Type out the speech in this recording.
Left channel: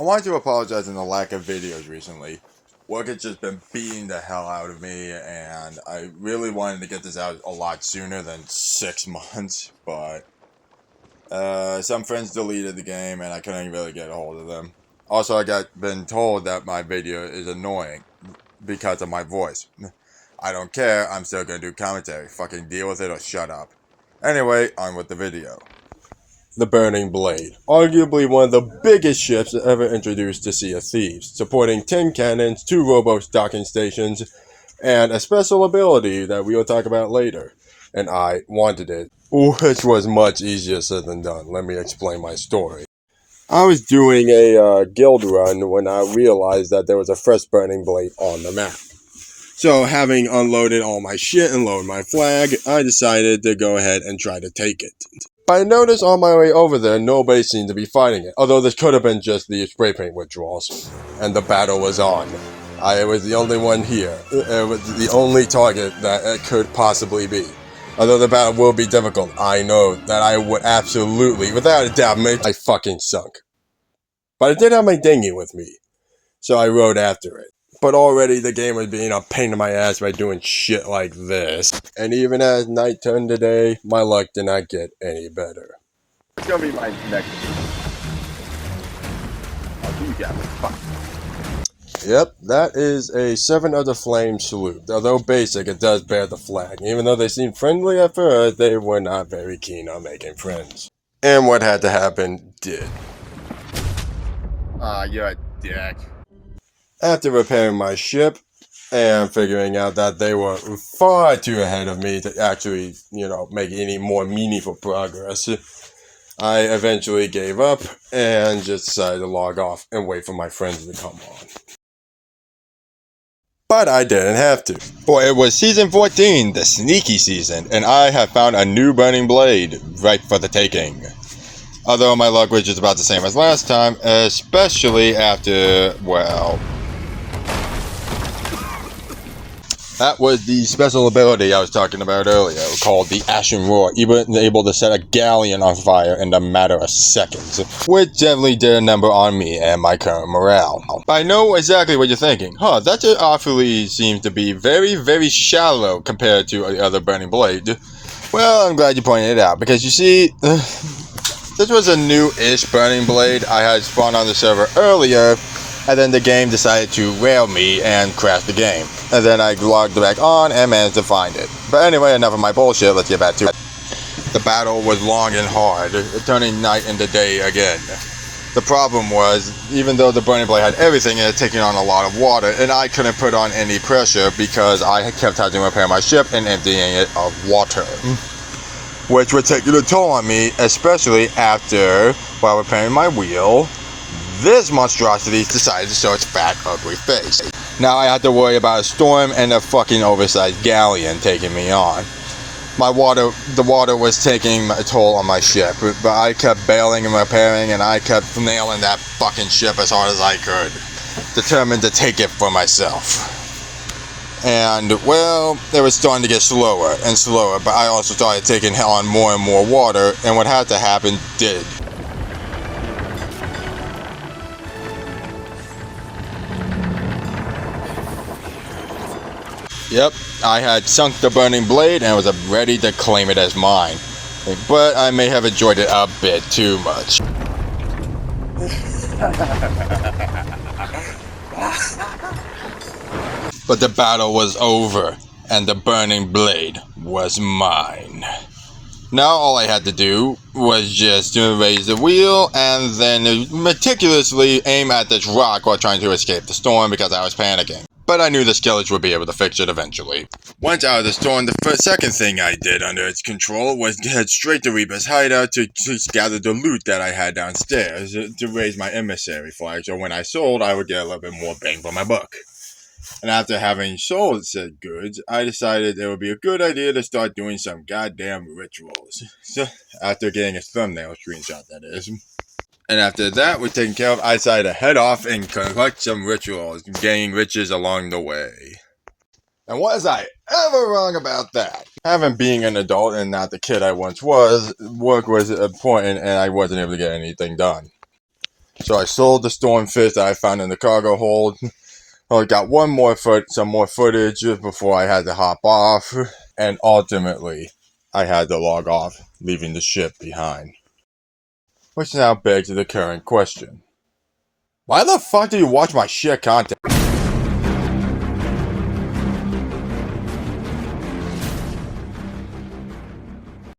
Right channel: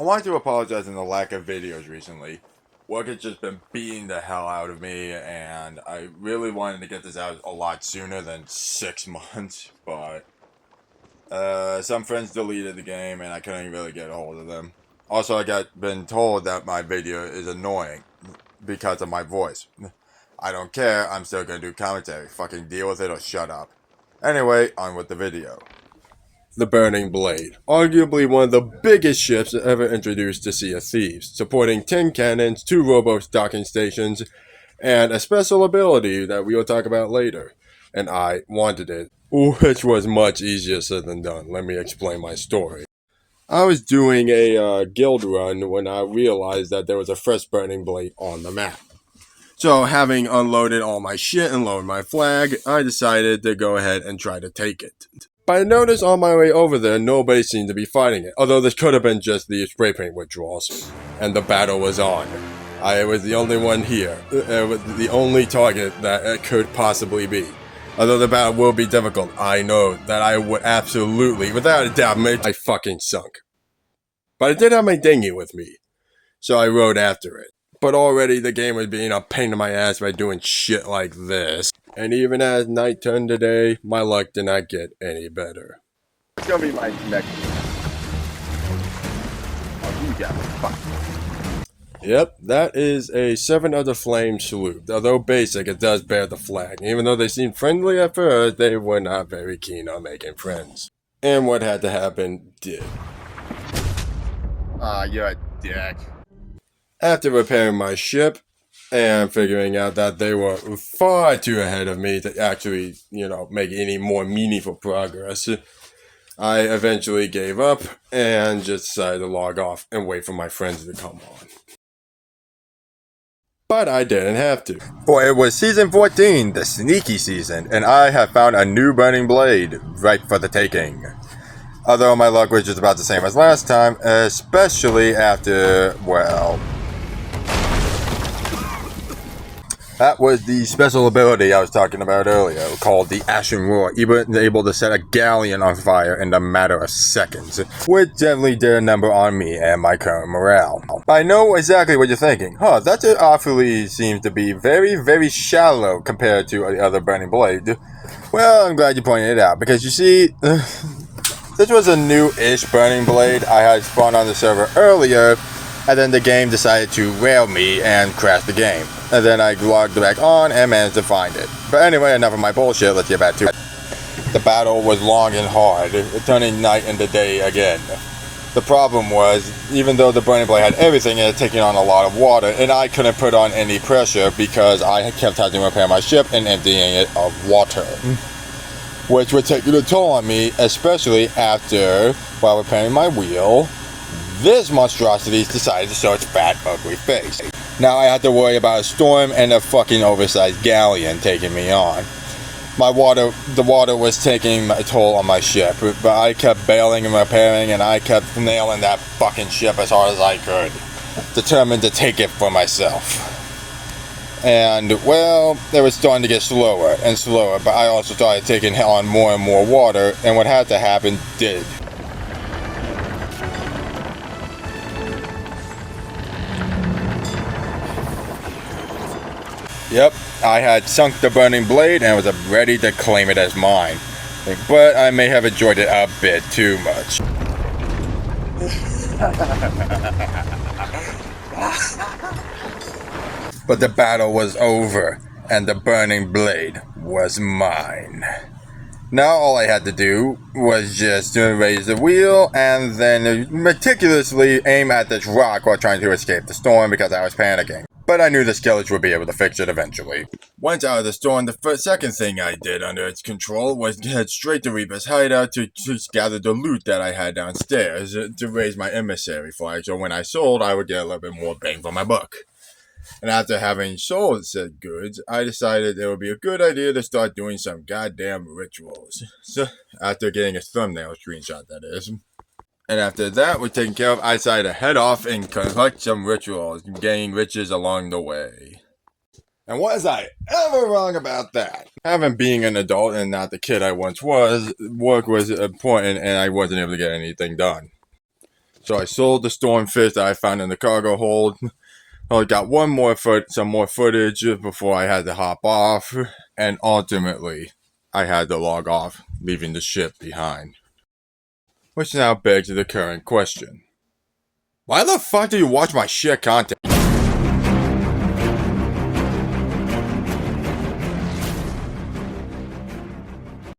I wanted to apologize for the lack of videos recently. Work has just been beating the hell out of me, and I really wanted to get this out a lot sooner than 6 months, but some friends deleted the game and I couldn't really get a hold of them. Also, I been told that my video is annoying because of my voice. I don't care, I'm still gonna do commentary. Fucking deal with it or shut up. Anyway, on with the video. The Burning Blade, arguably one of the biggest ships ever introduced to Sea of Thieves, supporting 10 cannons, 2 rowboats docking stations, and a special ability that we will talk about later. And I wanted it, which was much easier said than done. Let me explain my story. I was doing a guild run when I realized that there was a fresh Burning Blade on the map. So, having unloaded all my shit and lowered my flag, I decided to go ahead and try to take it. But I noticed on my way over there, nobody seemed to be fighting it, although this could have been just the spray paint withdrawals. And the battle was on. I was the only one here. It was the only target that it could possibly be. Although the battle will be difficult, I know that I would absolutely, without a doubt, make I fucking sunk. But I did have my dinghy with me, so I rode after it. But already the game was being a pain in my ass by doing shit like this. And even as night turned to day, my luck did not get any better. It's gonna be my next. Oh, you got me. Fuck. Yep, that is a 7 of the Flame salute. Although basic, it does bear the flag. Even though they seemed friendly at first, they were not very keen on making friends. And what had to happen did. You're a dick. After repairing my ship and figuring out that they were far too ahead of me to actually, make any more meaningful progress, I eventually gave up and just decided to log off and wait for my friends to come on. But I didn't have to. For it was season 14, the sneaky season, and I have found a new Burning Blade ripe for the taking. Although my luck was just about the same as last time, especially after, well... That was the special ability I was talking about earlier, called the Ashen Roar, even able to set a galleon on fire in a matter of seconds, which definitely did a number on me and my current morale. I know exactly what you're thinking. That just awfully seems to be very, very shallow compared to the other Burning Blade. Well, I'm glad you pointed it out, because you see, this was a new-ish Burning Blade I had spawned on the server earlier, and then the game decided to rail me and crash the game. And then I logged back on and managed to find it. But anyway, enough of my bullshit, let's get back to it. The battle was long and hard, turning night into day again. The problem was, even though the Burning Blade had everything, it had taken on a lot of water, and I couldn't put on any pressure because I kept having to repair my ship and emptying it of water. Which would take a toll on me, especially after, while repairing my wheel, this monstrosity decided to show its fat, ugly face. Now I had to worry about a storm and a fucking oversized galleon taking me on. The water was taking a toll on my ship, but I kept bailing and repairing, and I kept nailing that fucking ship as hard as I could, determined to take it for myself. And, well, it was starting to get slower and slower, but I also started taking on more and more water, and what had to happen did. Yep, I had sunk the Burning Blade and was ready to claim it as mine. But I may have enjoyed it a bit too much. But the battle was over, and the Burning Blade was mine. Now all I had to do was just raise the wheel and then meticulously aim at this rock while trying to escape the storm because I was panicking. But I knew the Skellage would be able to fix it eventually. Once out of the storm, the second thing I did under its control was to head straight to Reaper's hideout to gather the loot that I had downstairs to raise my emissary flag, so when I sold, I would get a little bit more bang for my buck. And after having sold said goods, I decided it would be a good idea to start doing some goddamn rituals. So, after getting a thumbnail screenshot, that is. And after that was taken care of, I decided to head off and collect some rituals, gaining riches along the way. And was I ever wrong about that? Having being an adult and not the kid I once was, work was important and I wasn't able to get anything done. So I sold the Stormfist that I found in the cargo hold. I got some more footage before I had to hop off, and ultimately, I had to log off, leaving the ship behind. Which now begs the current question. Why the fuck do you watch my shit content?